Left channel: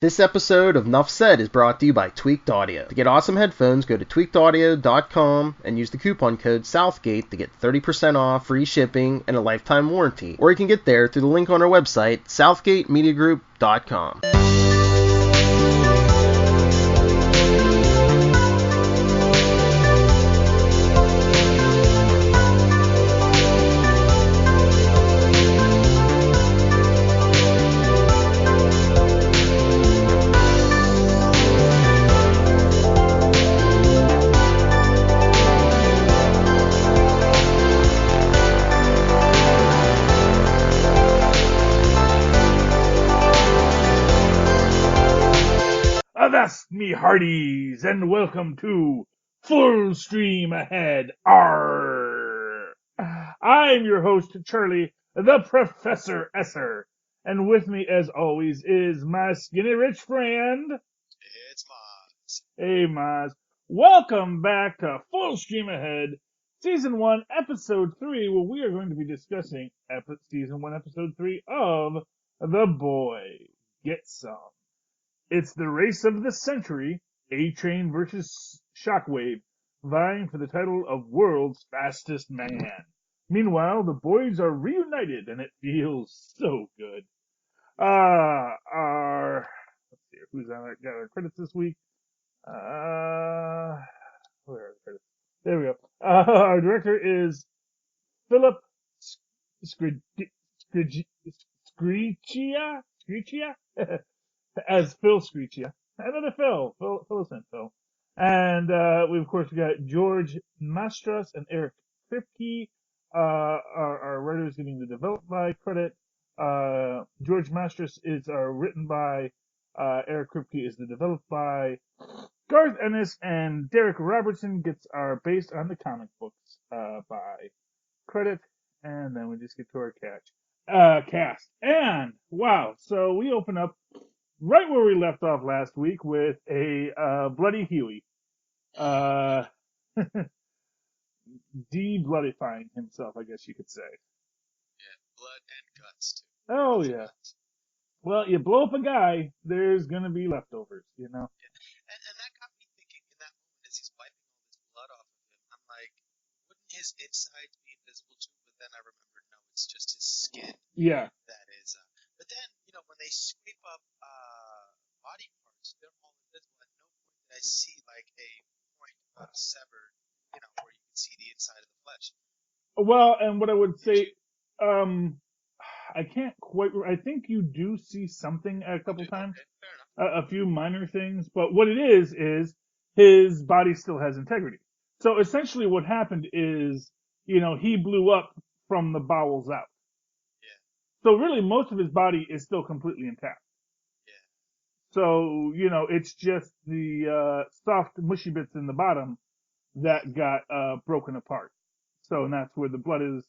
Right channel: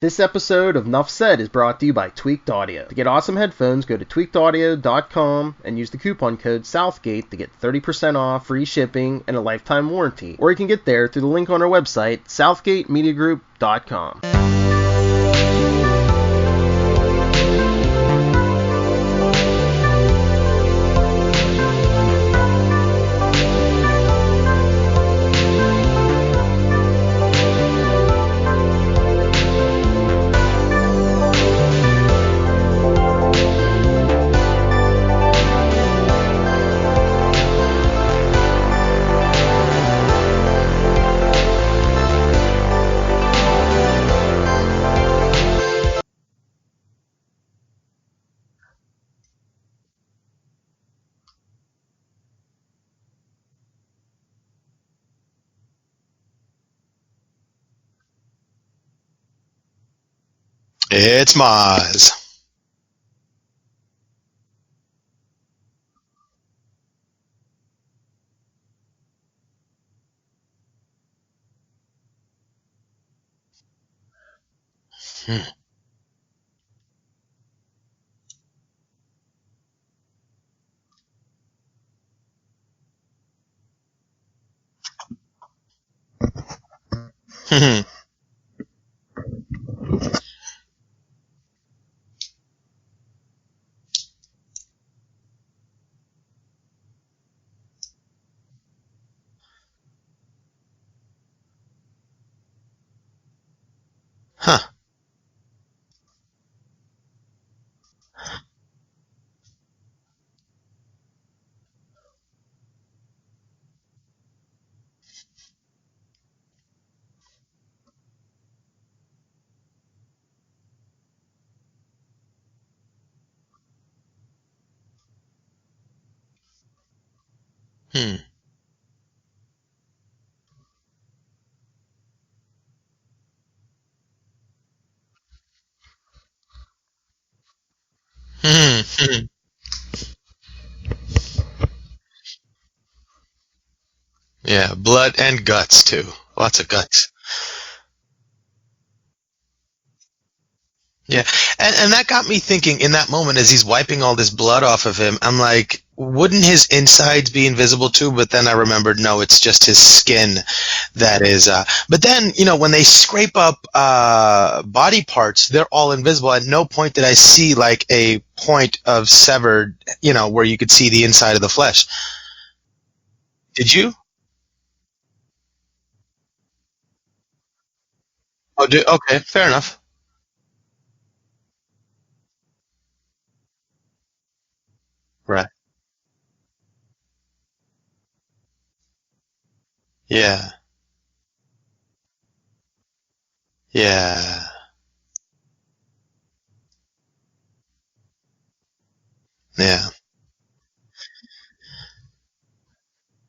This episode of Nuff Said is brought to you by Tweaked Audio. To get awesome headphones, go to tweakedaudio.com and use the coupon code Southgate to get 30% off, free shipping, and a lifetime warranty. Or you can get there through the link on our website, southgatemediagroup.com. Me hearties, and welcome to Full Stream Ahead. Arr! I'm your host, Charlie, the Professor Esser, and with me, as always, is my skinny rich friend. It's Mozz. Hey, Mozz. Welcome back to Full Stream Ahead, Season 1, Episode 3, where we are going to be discussing Season 1, Episode 3 of The Boys. Get some. It's the race of the century, A-Train versus Shockwave, vying for the title of World's Fastest Man. Meanwhile, the boys are reunited, and it feels so good. Who's got our credits this week? Where are the credits? There we go. Our director is Philip Screechia? As Phil Screechia. Another Phil. Phil sent Phil. And we, of course, got George Mastras and Eric Kripke. Our writers getting the developed by credit. George Mastras is written by. Eric Kripke is the developed by. Garth Ennis and Derek Robertson gets our based on the comic books by credit. And then we just get to our cast. And, wow, so we open up right where we left off last week with a bloody Huey. De-bloodifying himself, I guess you could say. Yeah, blood and guts, too. Lots of guts. Yeah. Well, you blow up a guy, there's going to be leftovers. You know? Yeah, and that got me thinking in that moment as he's wiping all this blood off of him, I'm like, wouldn't his insides be invisible too? But then I remembered, no, it's just his skin that is. But then, when they scrape up body parts, they're all invisible. At no point did I see like a point of severed, where you could see the inside of the flesh. Well, and what I would say, I can't quite. I think you do see something. Okay, fair enough. A few minor things, but what it is his body still has integrity. So essentially, what happened is, he blew up from the bowels out. Yeah. So really, most of his body is still completely intact. Yeah. So it's just the soft, mushy bits in the bottom that got broken apart. So and that's where the blood is.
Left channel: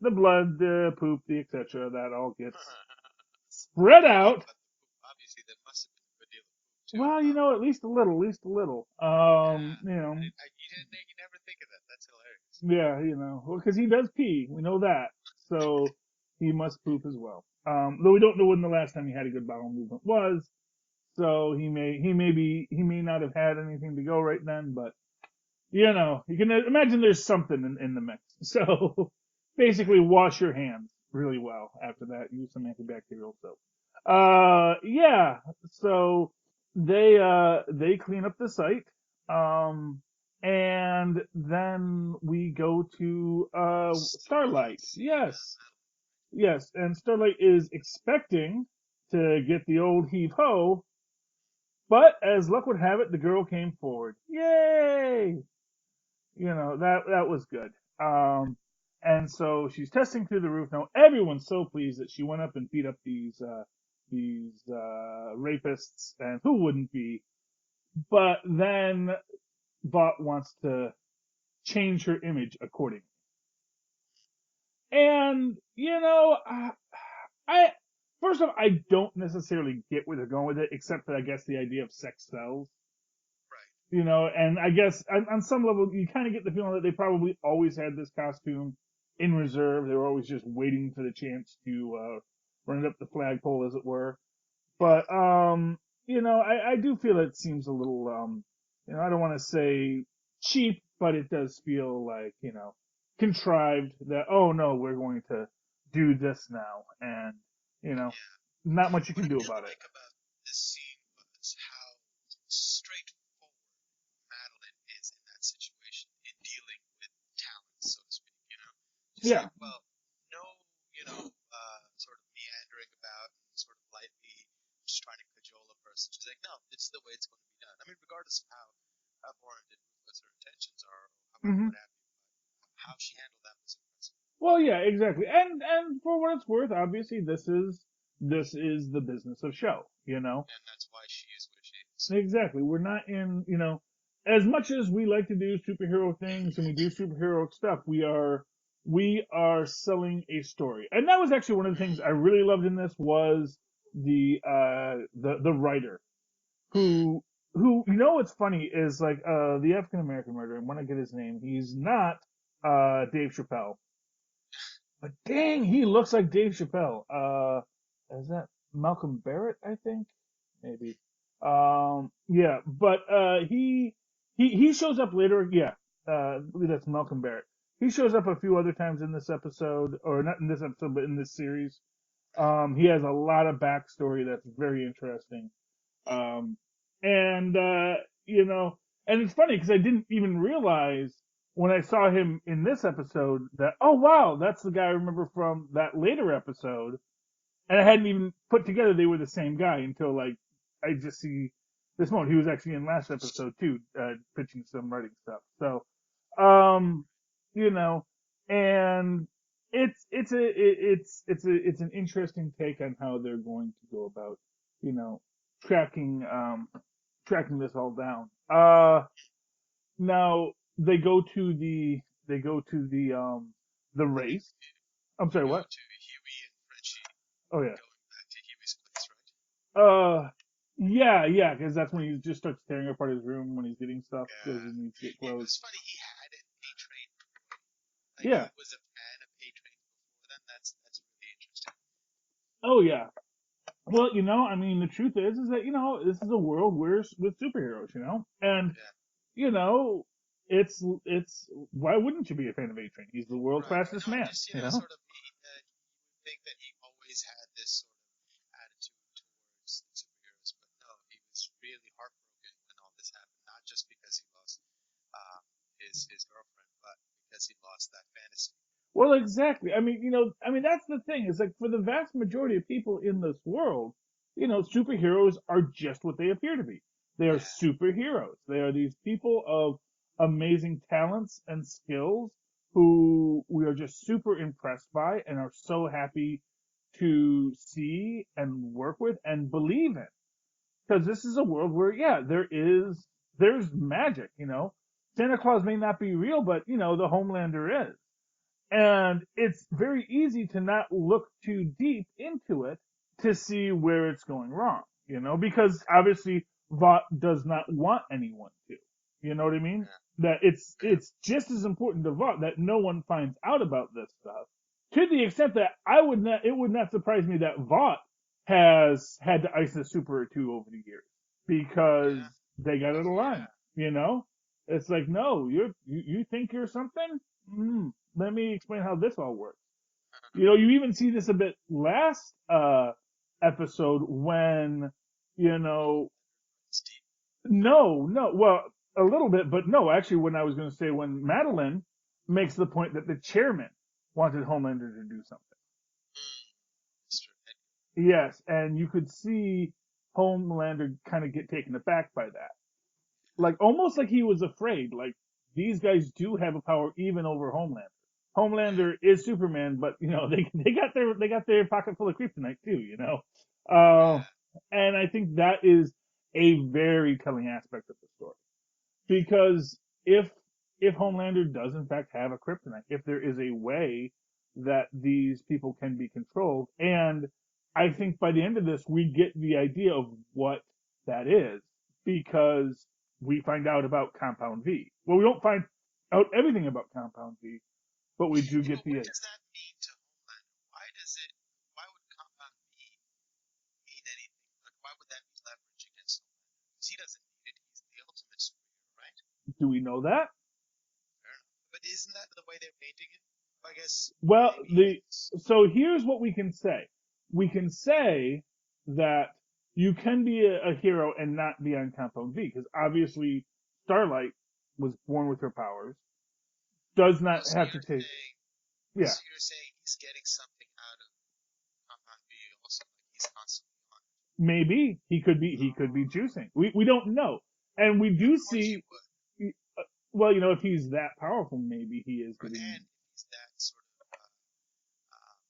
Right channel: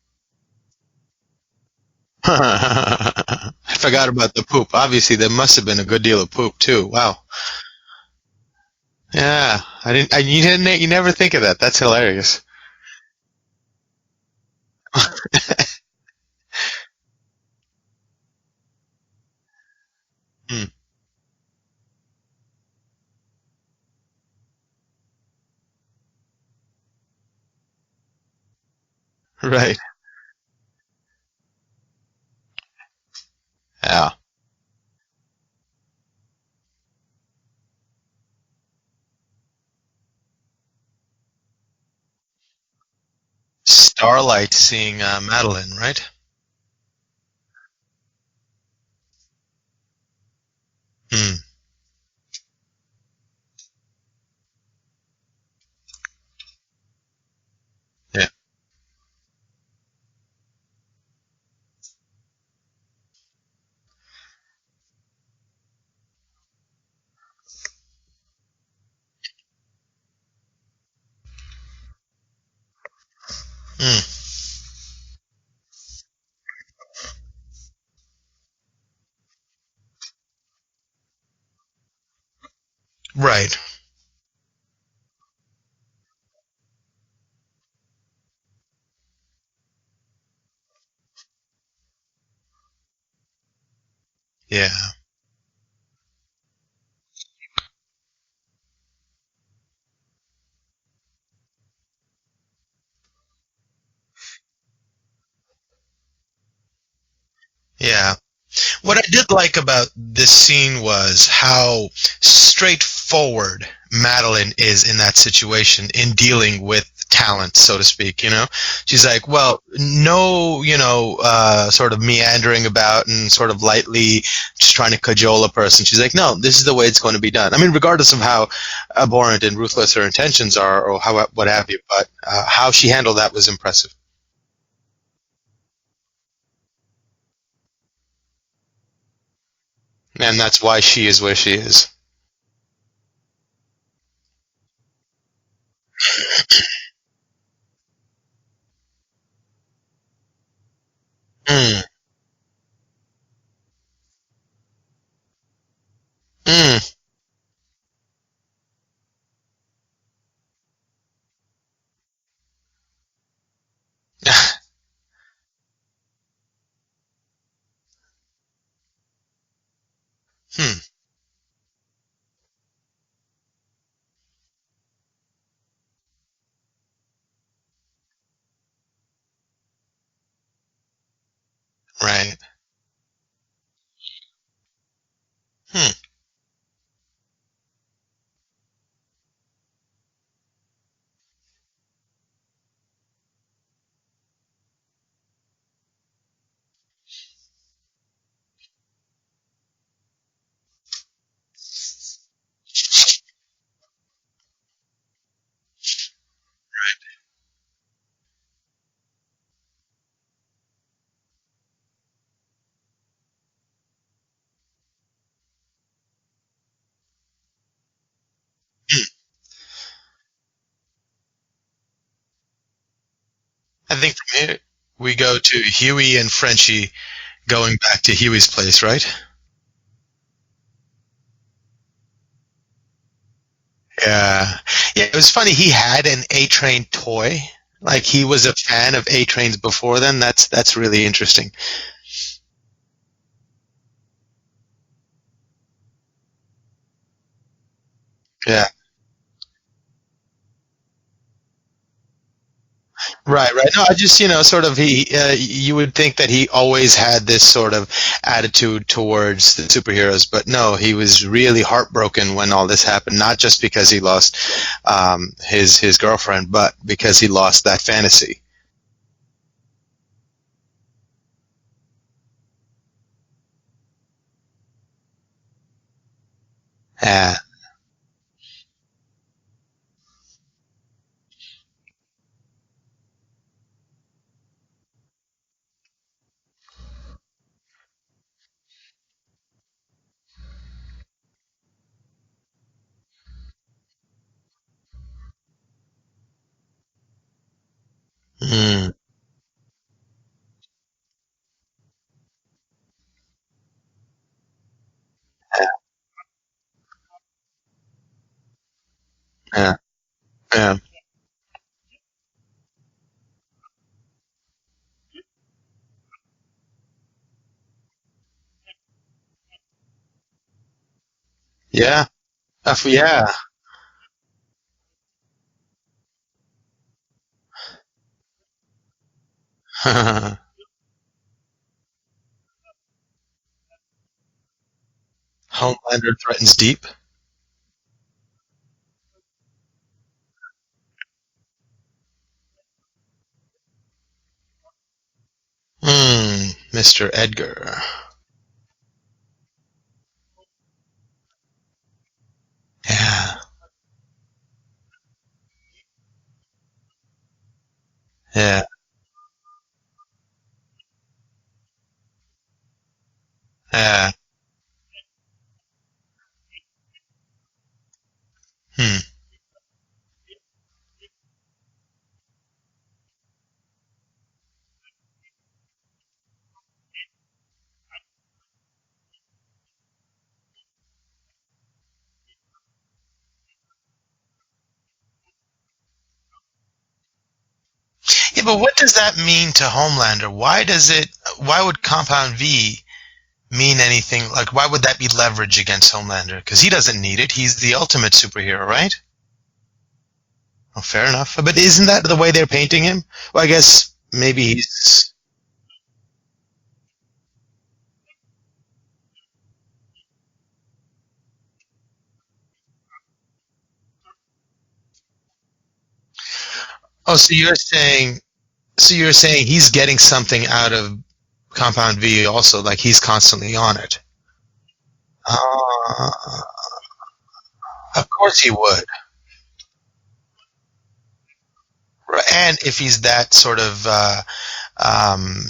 The blood, the poop, the etc. That all. I forgot about the poop. Obviously, there must have been a good deal of poop too. Wow. Well, at least a little. You never think of that. That's hilarious. Yeah, well, because he does pee. We know that. So he must poop as well. Though we don't know when the last time he had a good bowel movement was. So he may not have had anything to go right then, but you can imagine there's something in the mix. So. Right. Basically, wash your hands really well after that. Use some antibacterial soap. Yeah. So they clean up the site, and then we go to Starlight seeing Madeline, right? Yes, and Starlight is expecting to get the old heave-ho, but as luck would have it, the girl came forward. Yay! That was good. And so she's testing through the roof. Now everyone's so pleased that she went up and beat up these rapists, and who wouldn't be? But then Bot wants to change her image accordingly. And I first off, I don't necessarily get where they're going with it, except for I guess the idea of sex sells. Right. And I guess on some level you kind of get the feeling that they probably always had this costume in reserve. They were always just waiting for the chance to run it up the flagpole, as it were. Yeah. But I do feel it seems a little, I don't want to say cheap, but it does feel like, contrived that, oh no, we're going to do this now. And, Yeah. not What I much you can did do like about it. about this scene was how straightforward Madeline is in that situation in dealing with talent, so to speak, She's like, Yeah. well, no, sort of meandering about and sort of lightly just trying to cajole a person. She's like, no, this is the way it's going to be done. I mean, regardless of how abhorrent and ruthless her intentions are or what have you, but how she handled that was impressive. Well, yeah, exactly. And for what it's worth, obviously this is the business of show, And that's why she is where she is. Exactly. We're not in, as much as we like to do superhero things and do superhero stuff, we are selling a story. And that was actually one of the things I really loved in this was the writer Mm. who what's funny is like the African American writer, and when I get his name, he's not Dave Chappelle. But dang, he looks like Dave Chappelle. Is that Malcolm Barrett, I think? Maybe. Yeah, but he shows up later. Yeah, I believe that's Malcolm Barrett. He shows up a few other times in this episode, or not in this episode, but in this series. Right. He has a lot of backstory that's very interesting. And and it's funny because I didn't even realize when I saw him in this episode that, oh wow, that's the guy I remember from that later episode, and I hadn't even put together they were the same guy until like I just see this moment. He was actually in last episode too, pitching some writing stuff. So, and it's an interesting take on how they're going to go about, tracking tracking this all down. Now they go to the I think lake. from here we go to what? Huey and Frenchie going back to Huey's place, right? Yeah, because that's when he just starts tearing apart his room when he's getting. Yeah. Yeah, it was funny. He had an A-Train toy. Like he was a fan of A-Trains before then. That's really interesting. Oh yeah. Well, I mean, the truth is that this is a world with superheroes, and, Yeah. it's why wouldn't you be a fan of A-Train? Right. No, I just, sort of you would think that he always had this sort of attitude towards the superheroes, but no, he was really heartbroken when all this happened, not just because he lost his girlfriend, but because he lost that fantasy. Well, exactly. I mean, that's the thing. It's like for the vast majority of people in this world, superheroes are just what they appear to be. Yeah. They're superheroes. They are these people of amazing talents and skills who we are just super impressed by and are so happy to see and work with and believe in. Because this is a world where, there's magic, Santa Claus may not be real, but, the Homelander is. And it's very easy to not look too deep into it to see where it's going wrong, because obviously Vought does not want anyone to. You know what I mean? That it's just as important to Vought that no one finds out about this stuff. To the extent that it would not surprise me that Vought has had to ice a super or two over the years. Because it's like, no, you think you're something? Let me explain how this all works. You even see this a bit last episode when Homelander threatens Deep. No, well, a little bit, but no. Actually, when I was going to say when Madeline makes the point that the chairman wanted Homelander to do something. Mr. Edgar. Yes, and you could see Homelander kind of get taken aback by that. Yeah. Like almost like he was afraid. Like these guys do have a power even over Homelander. Yeah. Homelander is Superman, but they got their pocket full of kryptonite too. And I think that is a very telling aspect of the story. Because if Homelander does in fact have a kryptonite, if there is a way that these people can be controlled, and I think by the end of this we get the idea of what that is, because we find out about Compound V. Well, we don't find out everything about Compound V. But what does that mean to Homelander? Why would Compound V mean anything? Like, why would that be leverage against Homelander? Because he doesn't need it. He's the ultimate superhero, right? Do we know that? Oh, fair enough. But isn't that the way they're painting him? Well, I guess maybe Well, he's. so here's what we can say. We can say that you can be a hero and not be on Compound V, because obviously Starlight was born with her powers. Oh, so you're saying. So you're saying he's getting something out of Compound V also, like he's constantly on it. Maybe he could be juicing. We don't know, and of course he would. Well, if he's that powerful, maybe. Right, and if he's that sort of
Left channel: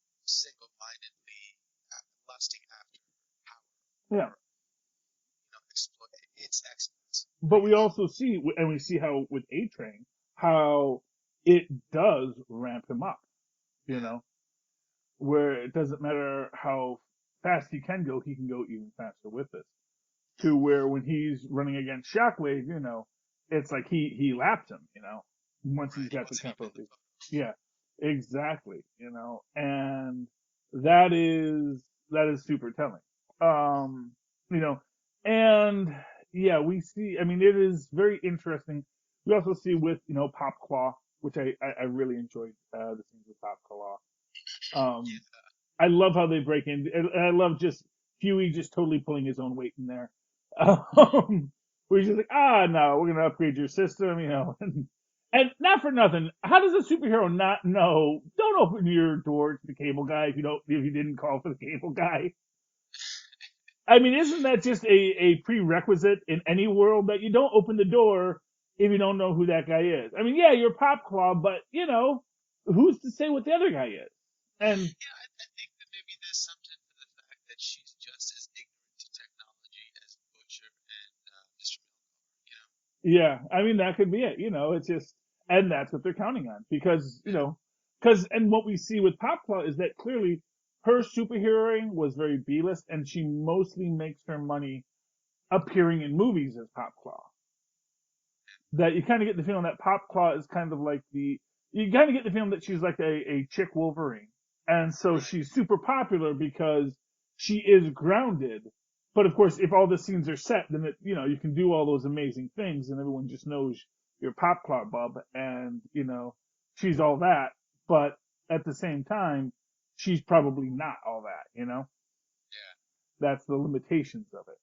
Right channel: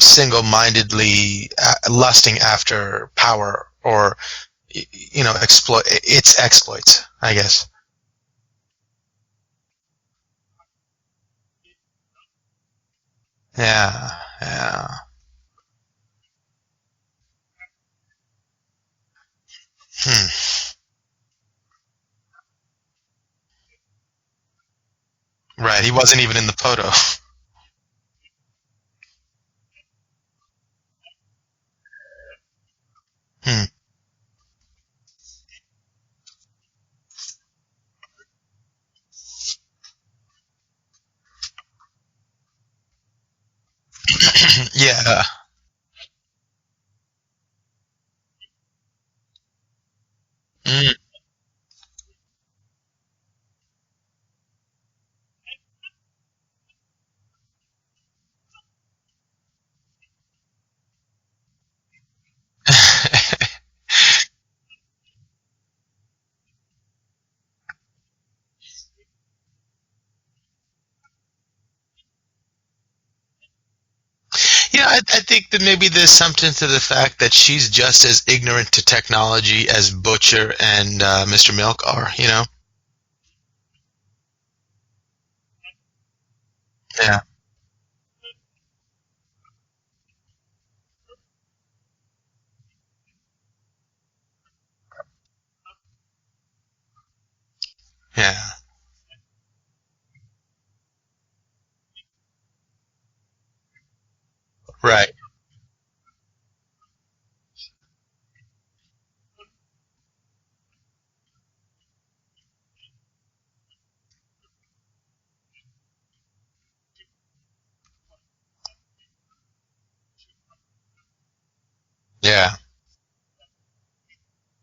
single-mindedly lusting after power, or exploit its exploits, I guess. But we also see, and we see how with A-Train, how it does ramp him up. Yeah. Where it doesn't matter how fast he can go even faster with it. To where when he's running against Shockwave, it's like he lapped him, Right, he wasn't even in the photo. Yeah, exactly, and that is super telling. And yeah, we see, it is very interesting. We also see with, Pop Claw, which I really enjoyed the scenes with Pop Claw. Yeah. I love how they break in, and I love just Huey just totally pulling his own weight in there. Where he's just like, no, we're gonna upgrade your system, and not for nothing. How does a superhero not know? Don't open your door to the cable guy if you didn't call for the cable guy. Isn't that just a prerequisite in any world that you don't open the door if you don't know who that guy is? Yeah, you're Pop Claw, but who's to say what the other guy is? I think that maybe there's something to the fact that she's just as ignorant to technology as Butcher and Mr. Milk are, Yeah, that could be it. It's just, and that's what they're counting on, because and what we see with Pop Claw is that clearly her superheroing was very B-list, and she mostly makes her money appearing in movies as Pop Claw. Yeah. That you kind of get the feeling that Pop Claw is kind of like you kind of get the feeling that she's like a chick Wolverine. And so she's super popular because she is grounded. But of course, if all the scenes are set, then you can do all those amazing things, and everyone just knows you're Pop Claw Bub, and she's all that. But at the same time, she's probably not all that. Yeah. That's the limitations of it.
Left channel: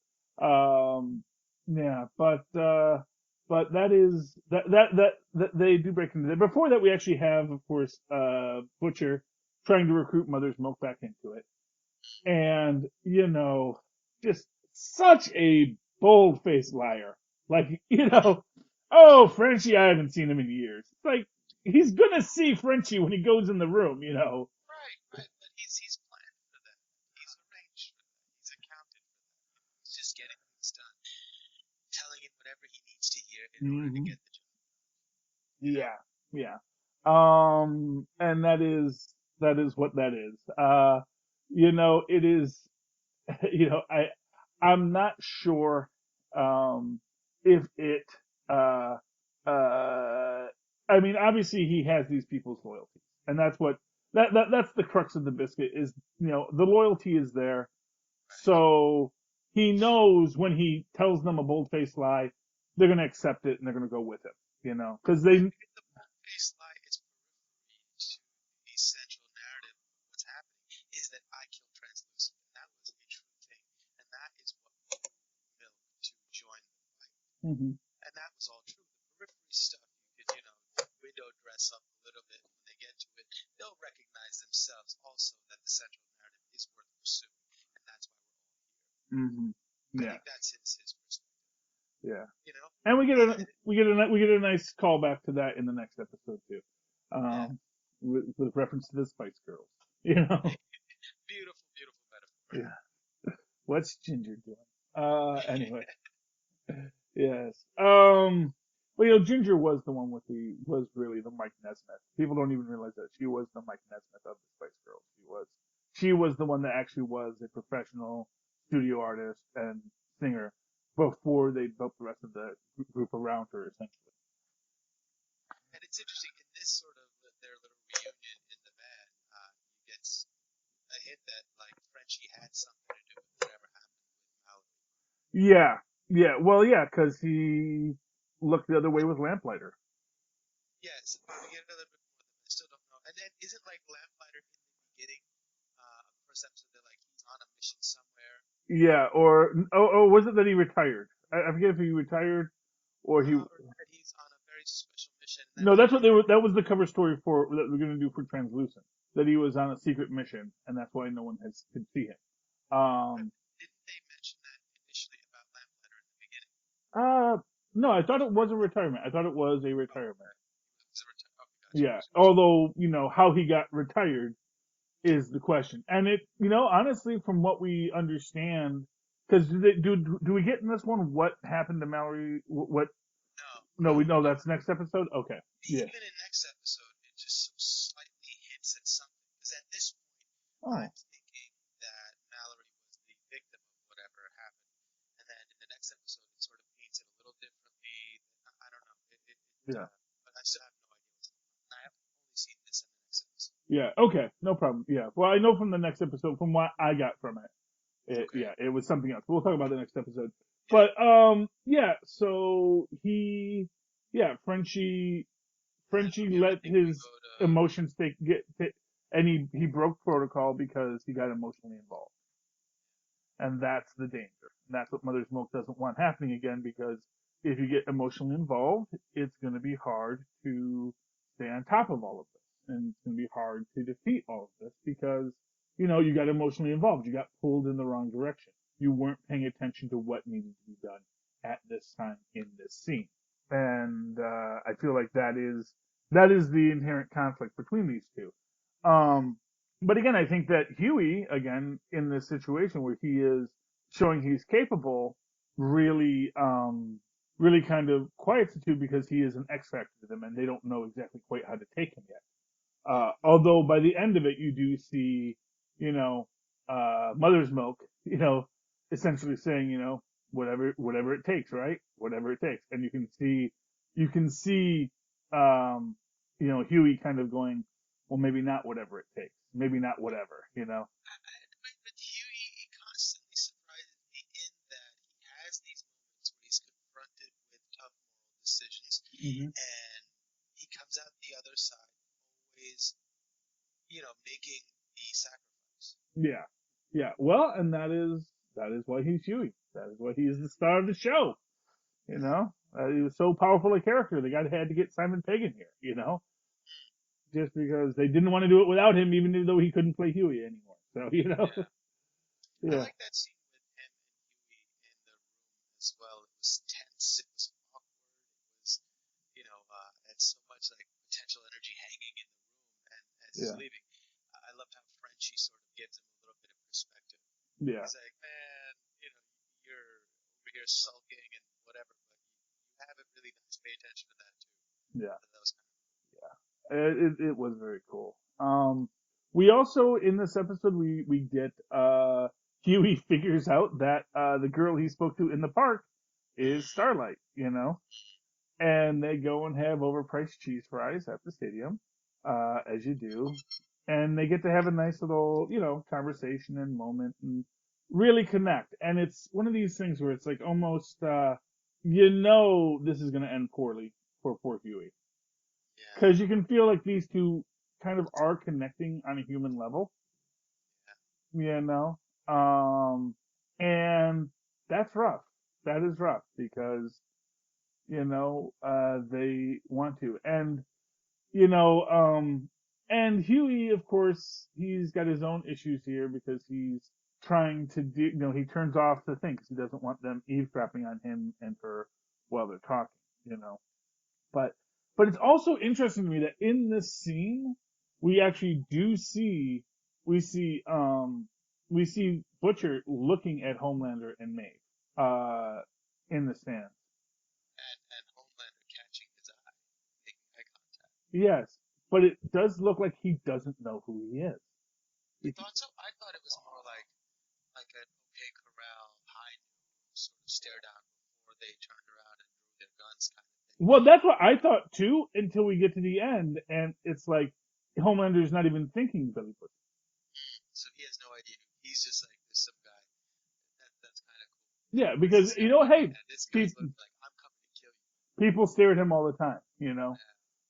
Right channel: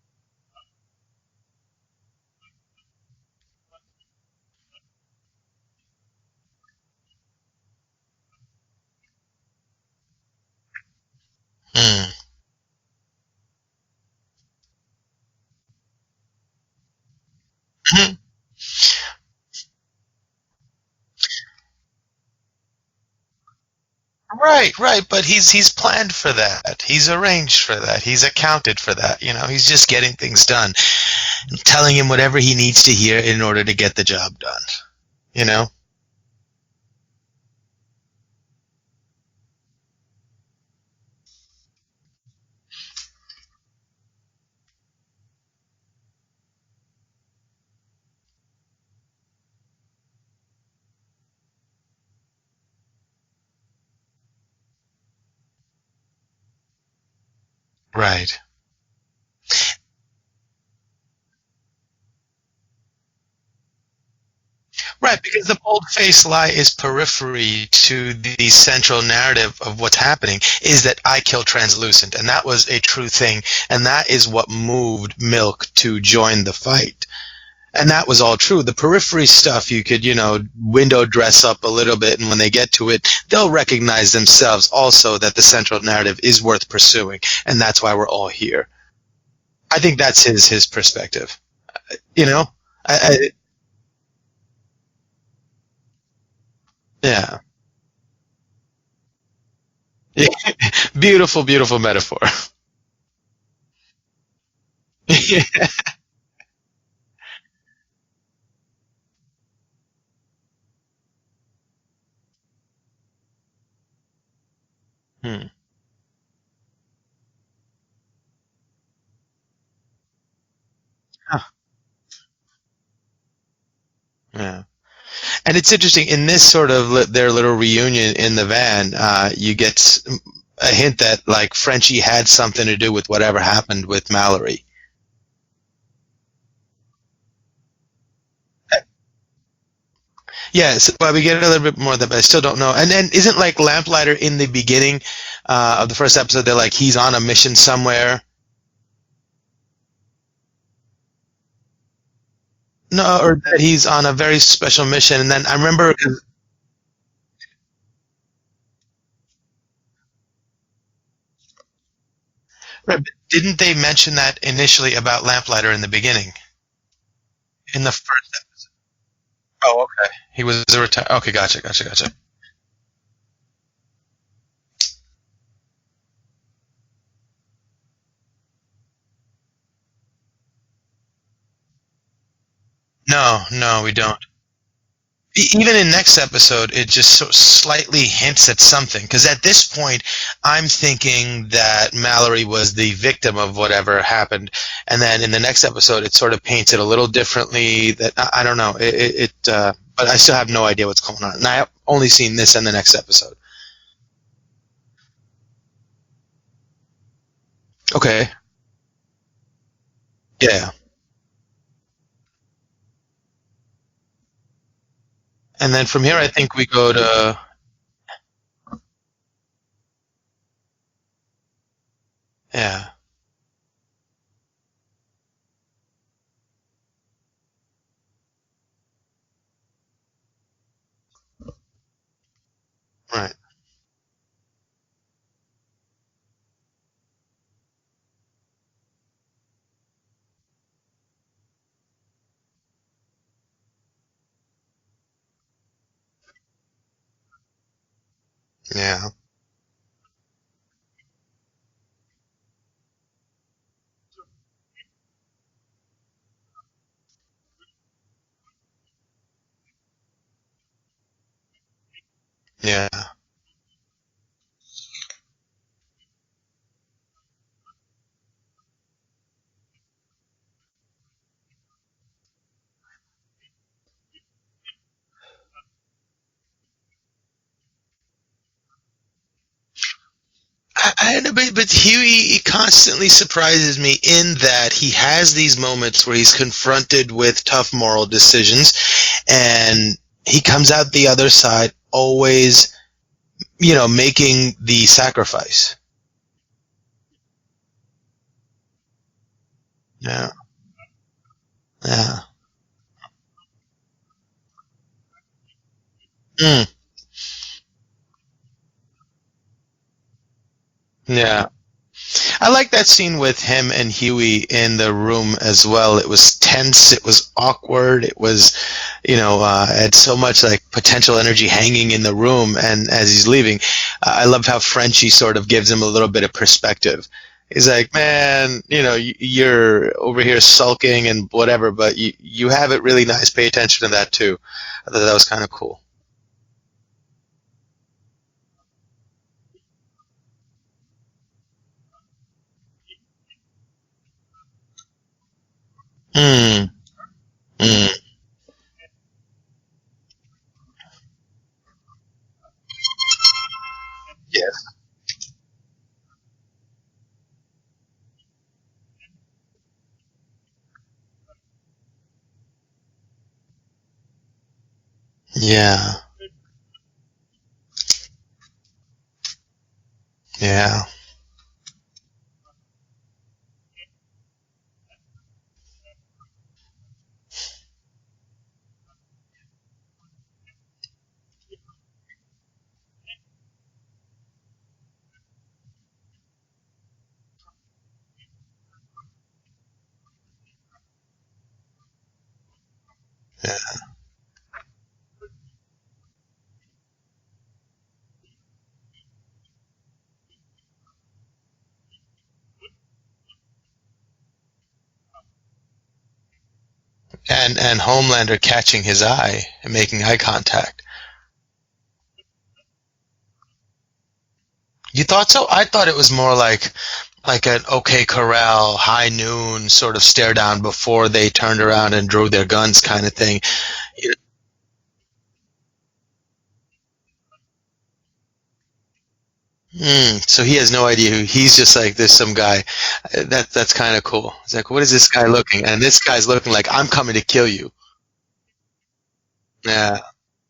Yeah, but that is that they do break into that. Before that, we actually have, of course, Butcher trying to recruit Mother's Milk back into it. And, just such a bold-faced liar. Like, oh, Frenchie, I haven't seen him in years. Like, he's gonna see Frenchie when he goes in the room, Right, but he's planned for that. He's arranged for that. He's accounted for that, He's just getting things done. Telling him whatever he needs to hear in order to get the job done, Yeah. And that is what that is. It is, I'm not sure, if it, obviously he has these people's loyalty, and that's what, that's the crux of the biscuit is, the loyalty is there. Right. So he knows when he tells them a bold-faced lie, they're going to accept it and they're going to go with it. Right, because the bold-faced lie is periphery to the central narrative of what's happening, is that I killed Translucent, and that was a true thing, and that is what moved Milk to join the fight. Mm-hmm. And that was all true. The periphery stuff you could, window dress up a little bit, and when they get to it, they'll recognize themselves also that the central narrative is worth pursuing, and that's why we're all here. Mm-hmm. I think that's his perspective. Yeah. We get a nice callback to that in the next episode too. Yeah. With reference to the Spice Girls. Yeah. Beautiful, beautiful metaphor. Yeah. What's Ginger doing? Yes. Well, Ginger was the one was really the Mike Nesmith. People don't even realize that she was the Mike Nesmith of the Spice Girls. She was the one that actually was a professional studio artist and singer before they built the rest of the group around her, essentially. Yeah. And it's interesting, in this sort of their little reunion in the van, you get a hint that like Frenchie had something to do with whatever happened with Mallory. Yeah, yeah. Well, yeah, because he looked the other way with Lamplighter. Yes, well, we get a little bit more of that, but I still don't know. And then isn't like Lamplighter in the beginning of the first episode? They're like he's on a mission somewhere. Yeah, or was it that he retired? I forget if he retired. No, or that he's on a very special mission. And then I No, remember that was the cover story for that we're going to do for Translucent. That he was on a secret mission, and that's why no one could see him. didn't they mention that initially about Lamplighter in the beginning? No, I thought it was a retirement. I thought it was. Oh, okay. He was a retire. Okay, gotcha. Although how he got retired is the question, and it honestly, from what we understand, because do we get in this one what happened to Mallory? What? No, we don't. No, that's next episode. Okay. Even in next episode, it just so slightly hints at something. Because at this point, I'm thinking that Mallory was the victim of whatever happened, and then in the next episode, it sort of paints it a little differently. That I don't know. But I still have no idea what's going on, and I have only seen this in the next episode. Yeah. Okay. No problem. Yeah. Well, I know from the next episode, from what I got from it. Okay. Yeah, it was something else. We'll talk about the next episode. Yeah. But yeah. So Frenchie. And then from here, I think we go to emotion state. And he broke protocol because he got emotionally involved. Yeah. And that's the danger. And that's what Mother's Milk doesn't want happening again, because if you get emotionally involved, it's going to be hard to stay on top of all of this, and it's going to be hard to defeat all of this because. You got emotionally involved. You got pulled in the wrong direction. You weren't paying attention to what needed to be done at this time in this scene. And I feel like that is the inherent conflict between these two. Yeah. But again, I think that Huey, again, in this situation where he is showing he's capable, really kind of quiets the two, because he is an X factor to them, and they don't know exactly quite how to take him yet. Yeah. Although by the end of it, you do see, Mother's Milk, essentially saying, whatever it takes, right? Whatever it takes. And you can see, Huey kind of going, well, maybe not whatever it takes. Maybe not whatever, But Huey constantly surprises me in that he has these moments where he's confronted with tough moral decisions, and he comes out the other side always, making the sacrifice. Yeah. Yeah. Well, and that is why he's Huey. That is why he's the star of the show. Yeah. He's so powerful a character. They had to get Simon Pegg in here, just because they didn't want to do it without him, even though he couldn't play Huey anymore. So, yeah. I like that scene with him and Huey in the room as well. It was tense. It was awkward. It was, had so much like potential energy hanging in the room. And as he's leaving, I love how Frenchie sort of gives him a little bit of perspective. He's like, man, you're over here sulking and whatever, but you have it really nice. Pay attention to that too. I thought that was kind of cool. Yeah, it was very cool. We also, in this episode, we get Huey figures out that the girl he spoke to in the park is Starlight, and they go and have overpriced cheese fries at the stadium, as you do, and they get to have a nice little, conversation and moment and really connect. And it's one of these things where it's like almost, this is going to end poorly for poor Huey. Yeah. Because you can feel like these two kind of are connecting on a human level. Yeah. And that's rough. That is rough because, they want to. And, and Huey, of course, he's got his own issues here because he's trying to do, he turns off the thing because he doesn't want them eavesdropping on him and her while they're talking, But it's also interesting to me that in this scene, we actually do see Butcher looking at Homelander and Maeve, in the stand. And Homelander catching his eye and making eye contact. Yes, but it does look like he doesn't know who he is. You thought so? I thought it was more like an OK Corral, high noon sort of stare down before they turned around and drew their guns kind of thing. Well, that's what I thought too, until we get to the end, and it's like Homelander's not even thinking Billy Butcher. So he has no idea who he's just like there's some guy. That's kind of cool. It's like what is Yeah, this guy because you know, looking? And hey, this guy's looking like I'm coming to kill you. people stare at him all the time. You Yeah. know,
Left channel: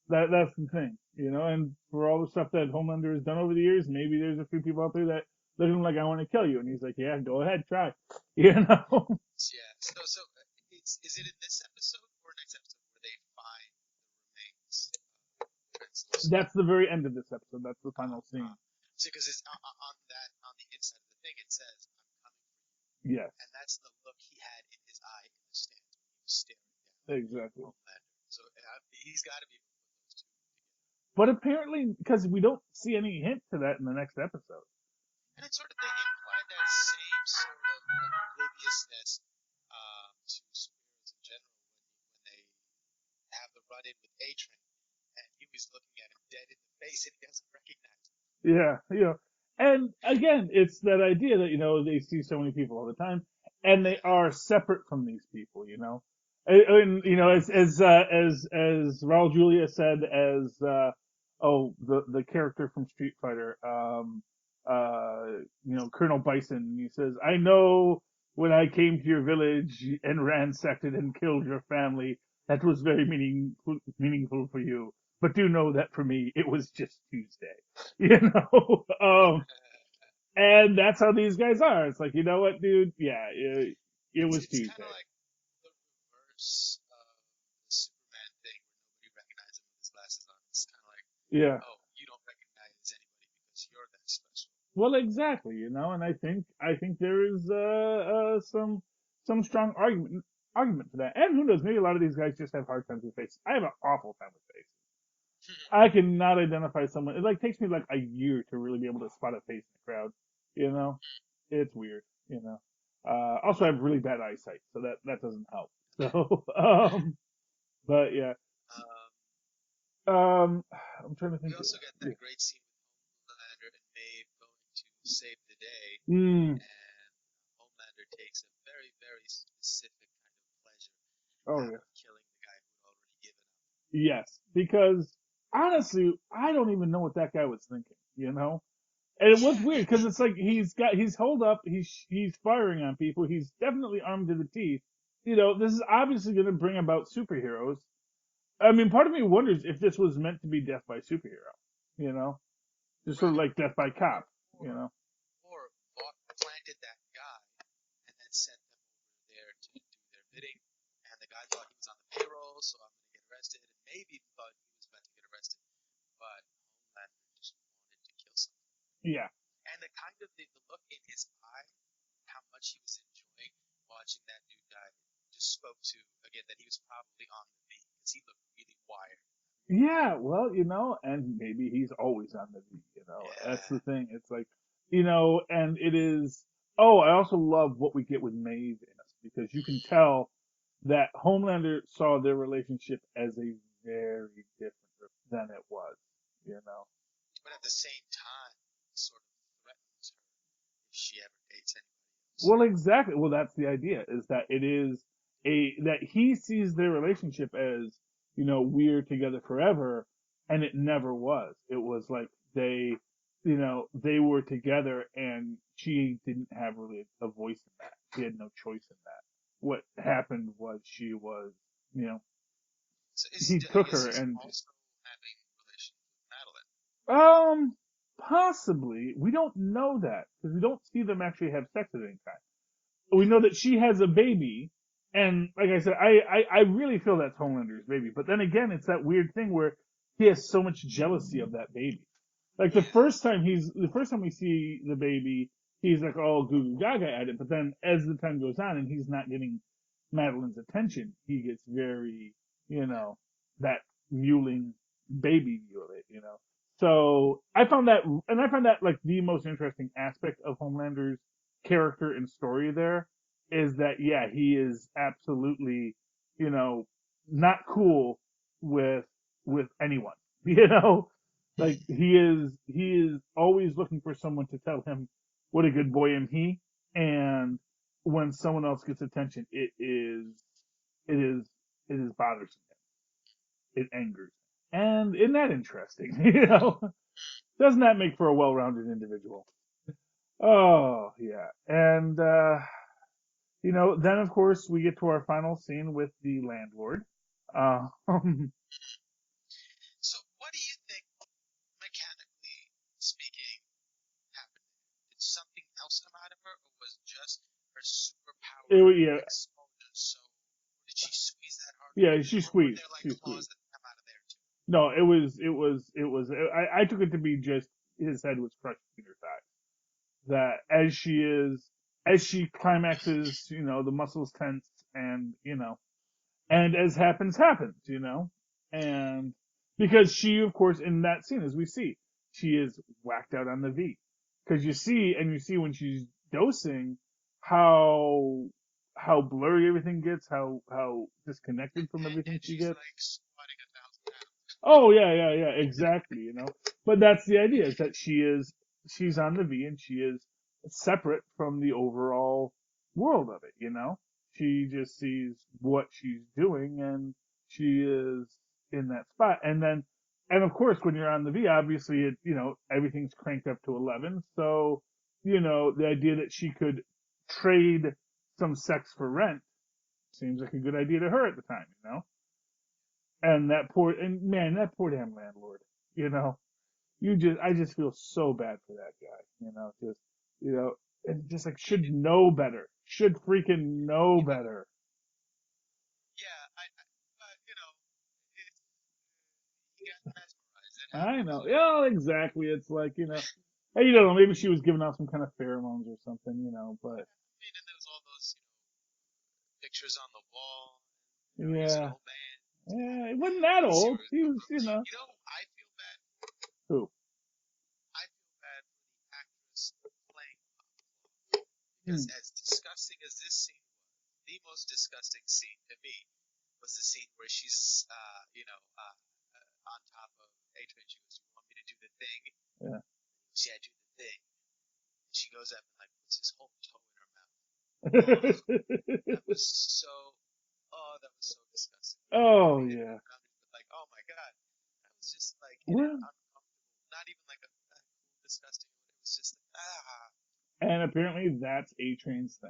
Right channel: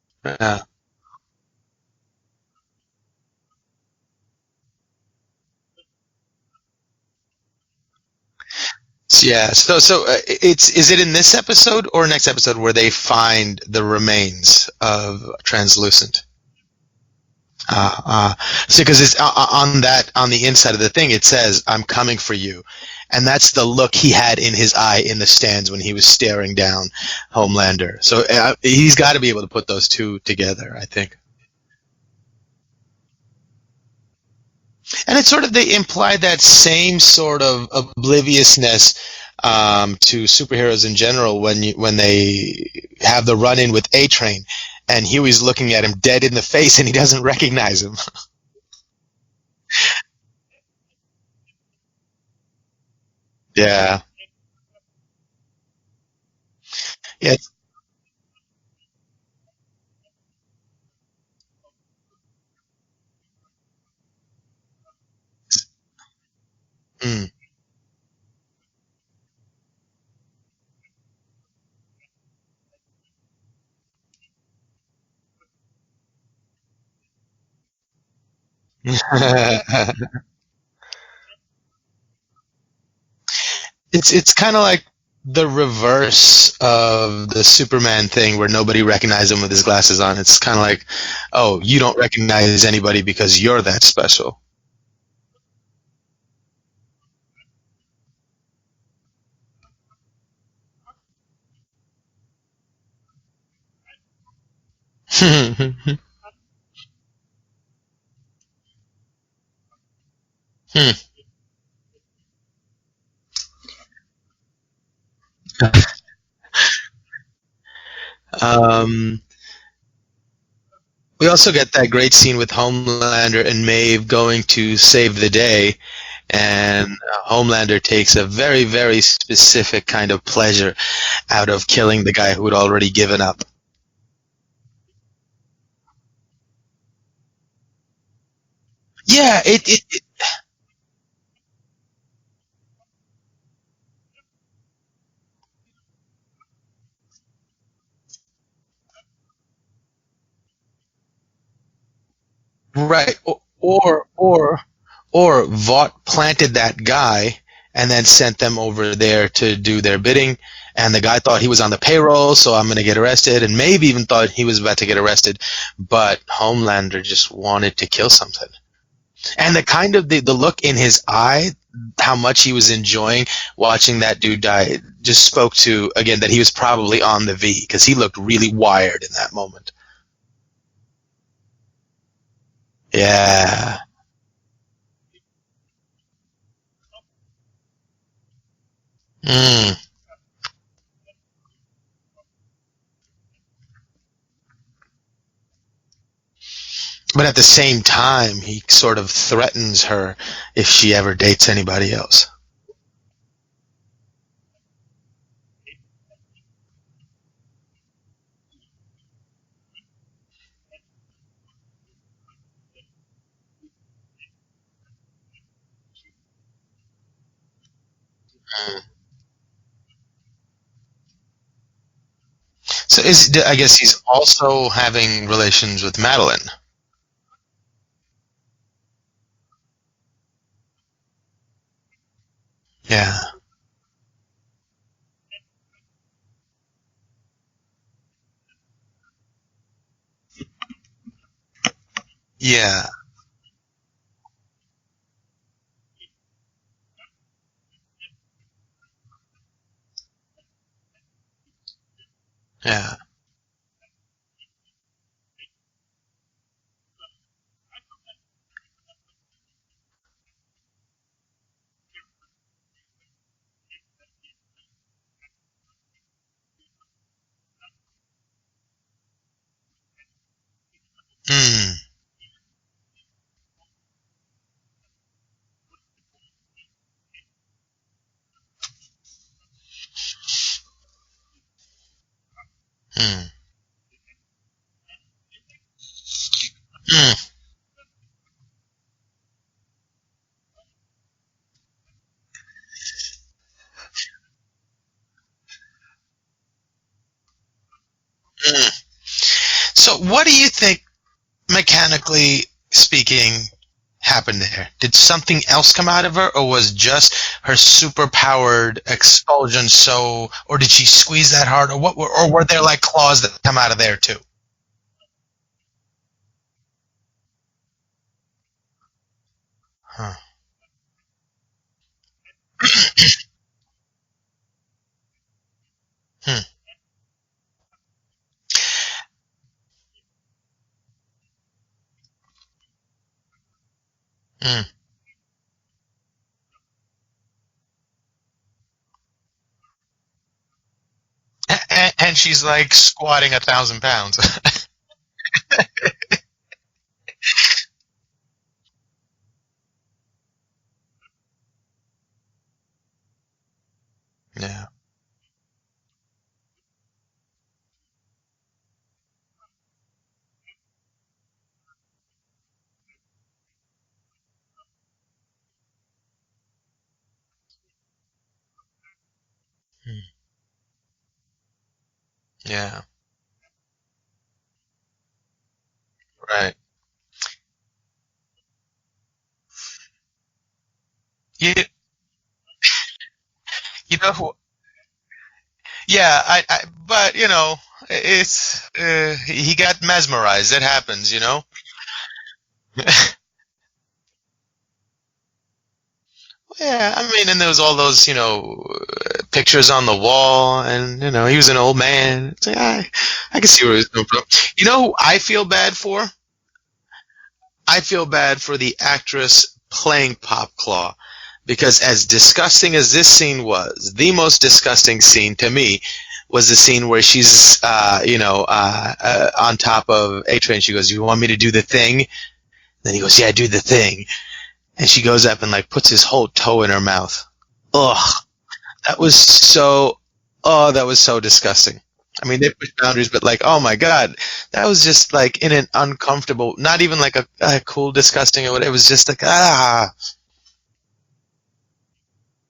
that's Yeah. the thing. You know, and for all the stuff that Homelander has done over the years, maybe there's a few people out there that look at him like I want to kill you, and he's like, yeah, go ahead, try. You know. Yeah. So it's is it in this episode or next episode where they find the remains of Translucent? That's the very end of this episode. That's the Uh, final uh, scene. so because it's on the inside of the thing, it says "I'm coming for you," and Yeah, that's the look he had in his eye in the stands when he was staring down exactly. Homelander. So he's got to be able to put those two together, I think. But apparently, because we don't see any hint to that in the next episode. And it's sort of they imply that same sort of obliviousness to superheroes in general when they have the run in with A Train, and Huey's looking at him dead in the face and he doesn't recognize him. Yeah, you know. And again, it's that idea that, you know, they see so many people all the time and Yeah. that are separate from these people, you know. And you know, Yeah. as Raul Julia said, as the character from Street Fighter, you know, Colonel Bison, he says, Mm. I know when I came to your village and ransacked it and killed your family, that was very meaningful for you. But do know that for me, it was just Tuesday, you know. And that's how these guys are. It's like, you know what, dude? Yeah, it It's was kind of Tuesday. like the reverse of the Superman thing where nobody recognized him with his glasses on. It's kind of like, oh, Yeah. you don't recognize anybody because you're that special. Well, exactly, you know. And I think there is some strong argument for that. And who knows? Maybe a lot of these guys just have hard times with face. I have an awful time with face. I cannot identify someone. It like takes me like a year to really be able to spot a face in the crowd. You know, it's weird. You know. Also, I have really bad eyesight, so that doesn't help. So, but yeah. um, I'm we trying to also think. get that great scene with Homelander and Maeve going to save the day, Mm, and Homelander takes a very, very specific kind of pleasure out of oh, killing the guy who had already given up. yes, because honestly, I don't even know what that guy was thinking. You know. Yeah, And it's weird because it's like he's holed up, he's firing on people, he's definitely armed to the teeth. You know, this is obviously going to bring about superheroes. I mean, part of me wonders if this was meant to be death by superhero. You know, right. sort of like death by Or cop. or You know. or Vought planted that guy and then sent them over there to do their bidding. And the guy thought he was on the payroll, so I'm going to get arrested. And maybe even thought he was about to get arrested, but Homelander just wanted to kill something. Yeah. And the kind of the look in his eye, how much he was enjoying watching that dude die, just spoke to again that he was probably on the V because he looked really wired in that moment. Yeah. Well, you know, and maybe he's always on the beat. That's Yeah. the thing. It's like, you know, and it is. Oh, I also love what we get with Maeve. Because you Mm. can tell that Homelander saw their relationship as a very different than it was, you know. But at the same time, he sort of threatens her if she ever dates anybody else. Well, exactly. Well, that's the idea, is that it is that he sees their relationship as, you know, we're together forever, and it never was. It was like they, you know, they were together and she didn't have really a voice in that. She had no choice in that. What happened was she was, you know, So I he guess took he's her and also having relations with Madeline. Um, possibly. We don't know that because we don't see them actually have sex at any time. Yeah. But we know that she has a baby, and like I said, I really feel that's Homelander's baby. But then again, it's that weird thing where he has so much jealousy of that baby. Like Yeah. the first time we see the baby, he's like all goo goo gaga at it. But then as the time goes on and he's not getting Madeline's attention, he gets very, you Yeah. know, that mewling baby mule it, you know. So I found that like the most interesting aspect of Homelander's character and story there is that yeah, he is absolutely, you know, not cool with anyone. You know, Mm. like he is always looking for someone to tell him what a good boy am he, and when someone else gets attention, it is it is bothersome. Mm. It angers, and isn't that interesting? You know? Mm. Doesn't that make for a well-rounded individual? Oh, yeah. And, then of course we get to our final scene with the landlord. Um, So, what do you think, mechanically speaking, happened there? Did something else come out of her, or was just her superpowered yeah, expulsion or did she squeeze that hard, or what? Yeah, Or were she there like claws that come out of there too? no, I took it to be just his head was crushed between her thighs. Huh. That as she climaxes, the muscles tense, and and as happens, and because she, of course, in that scene, as we see, she is whacked out on the V. Because you see when she's dosing how blurry everything gets, how disconnected. And she's like squatting 1,000 pounds. Oh yeah, exactly. But that's the idea, is that she's on the V and she is separate from the overall world of it. She just sees what she's doing and she is in that spot. And of course, when you're on the V, obviously everything's cranked up to 11. So the idea that she could trade some sex for rent seems like a good idea to her at the time. Yeah. And that poor damn landlord. Right. I just feel so bad for that guy. And should know better. Should freaking know better. Yeah, but it's he got mesmerized. It happens, Yeah, exactly. It's like you don't know, maybe she was giving off some kind of pheromones or something. Yeah, I mean, and there was all those pictures on the wall, and he was an old man. It's like, I can see where he's coming from. You know who I feel bad for? Who? I feel bad for the actress playing Pop Claw, because as disgusting as this scene was, the most disgusting scene to me was the scene where she's on top of A-Train. She goes, "You want me to do the thing?" Yeah. Then he goes, "Yeah, do the thing." And she goes up and like puts his whole toe in her mouth. Ugh. that was so disgusting. I mean, they push boundaries, but like, oh my God, that was just like in an uncomfortable, not even like a cool, disgusting or whatever. It was just like, And apparently that's A-Train's thing.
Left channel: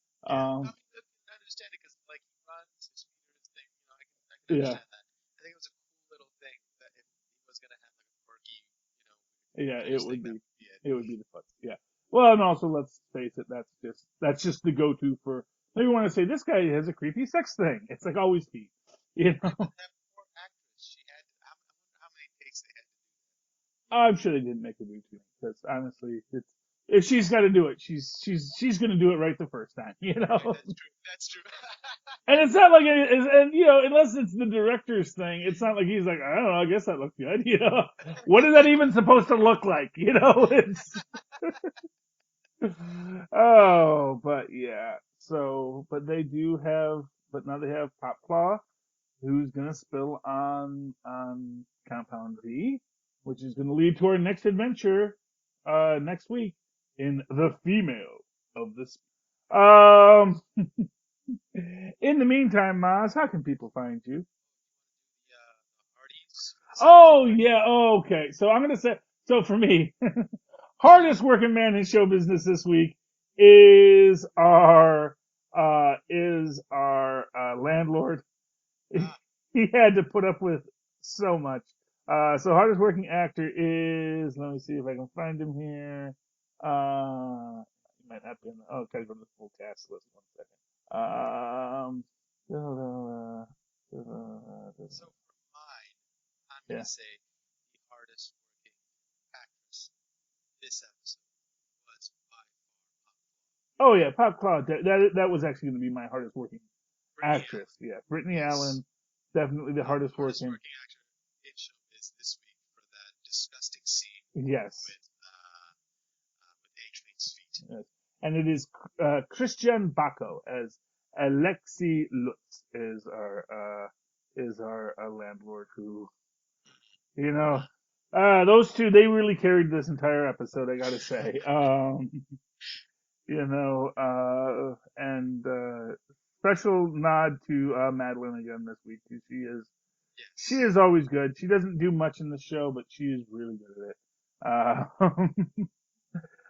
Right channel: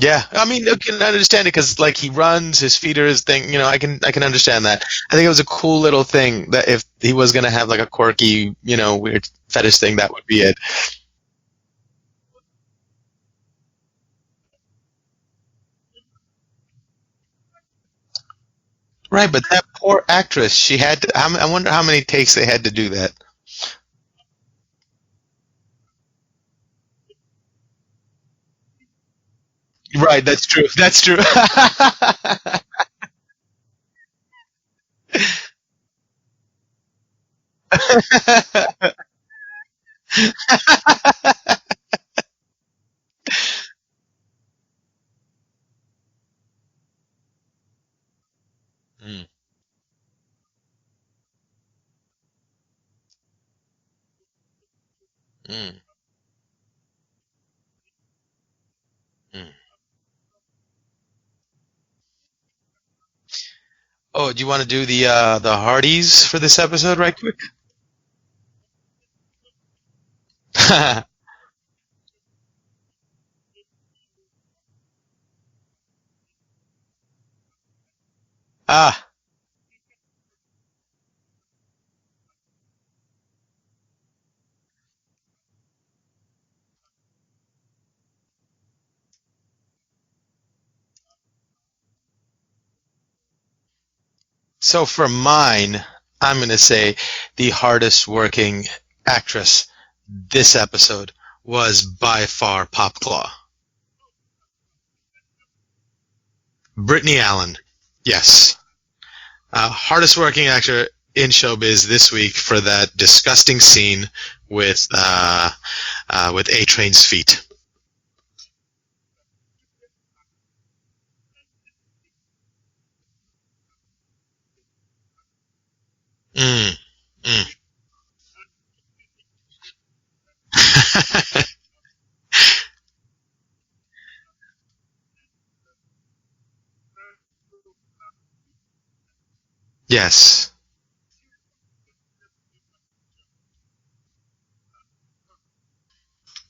Yeah, I mean, I can understand it because like he runs, his feet are his thing. I can understand that. I think it was a cool little thing that if he was gonna have like a quirky, weird fetish thing, that would be it. It would be the fun. Yeah. Well, and also let's face it, that's just the go-to for. Maybe you want to say this guy has a creepy sex thing. It's like always Pete. Right, but that poor actress, she had to. I wonder how many takes they had to do that. I'm sure they didn't make a YouTube because honestly, if she's got to do it, she's going to do it right the first time. Right, that's true. That's true. And it's not like unless it's the director's thing, it's not like he's like, I don't know, I guess that looked good. What is that even supposed to look like? Oh, but yeah. So, but now they have Pop Claw, who's gonna spill on Compound V, which is gonna lead to our next adventure next week in The Female of the In the meantime, Mozz, how can people find you? Oh, do you want to do the Hardys for this episode right quick? Oh, yeah. Oh, okay. So I'm going to say, for me, hardest working man in show business this week is our landlord. He had to put up with so much. So hardest working actor is, let me see if I can find him here. Might not be okay, go to the full cast list. 1 second. So for mine, I'm going to say the hardest working actress this episode was by far Pop Claw. Oh yeah, Pop Claw. That was actually going to be my hardest working. Brittany Allen. Yeah, yes. Brittany Allen, hardest working actor in showbiz this week for that disgusting scene with A-Train's feet. Yes. And it is Christian Bacco as Alexi Lutz is our landlord who those two, they really carried this entire episode, I gotta say. And special nod to Madeline again this week. She is always good. She doesn't do much in the show, but she is really good at it. Uh,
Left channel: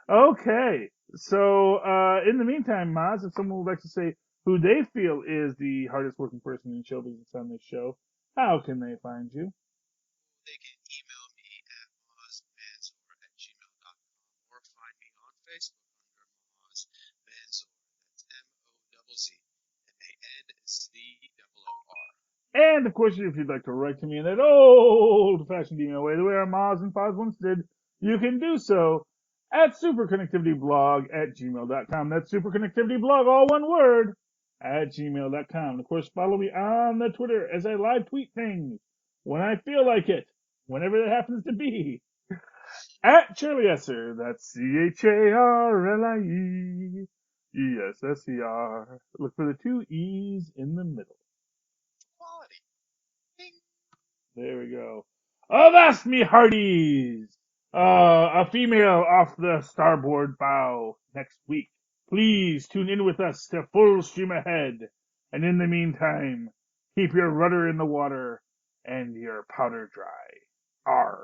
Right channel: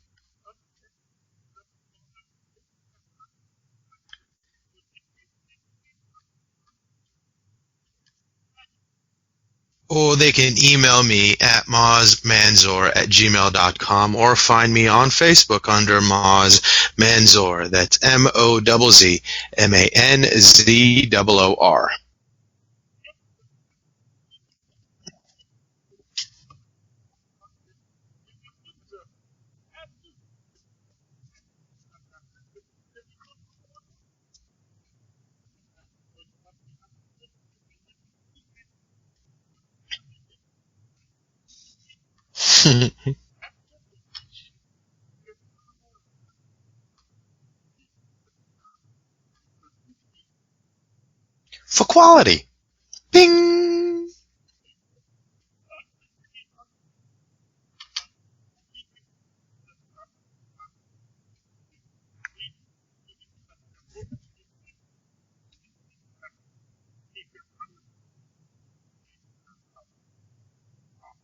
okay. So, in the meantime, Mozz, if someone would like to say who they feel is the hardest working person in show business on this show, how can they find you? Or they can email me at mozzmanzor@gmail.com or find me on Facebook under Mozz Manzor. That's MOZZMANZOOR. And, of course, if you'd like to write to me in that old-fashioned email way, the way our Mozz and Foz once did, you can do so at superconnectivityblog@gmail.com. That's superconnectivityblog, all one word, at gmail.com. Of course, follow me on the Twitter as I live tweet things when I feel like it, whenever that happens to be. At Charlie Esser, that's CHARLIEESSER. Look for the two E's in the middle. For quality. Bing! There we go. Avast me hearties! A female off the starboard bow next week. Please tune in with us to Full Stream Ahead. And in the meantime, keep your rudder in the water and your powder dry. Arr.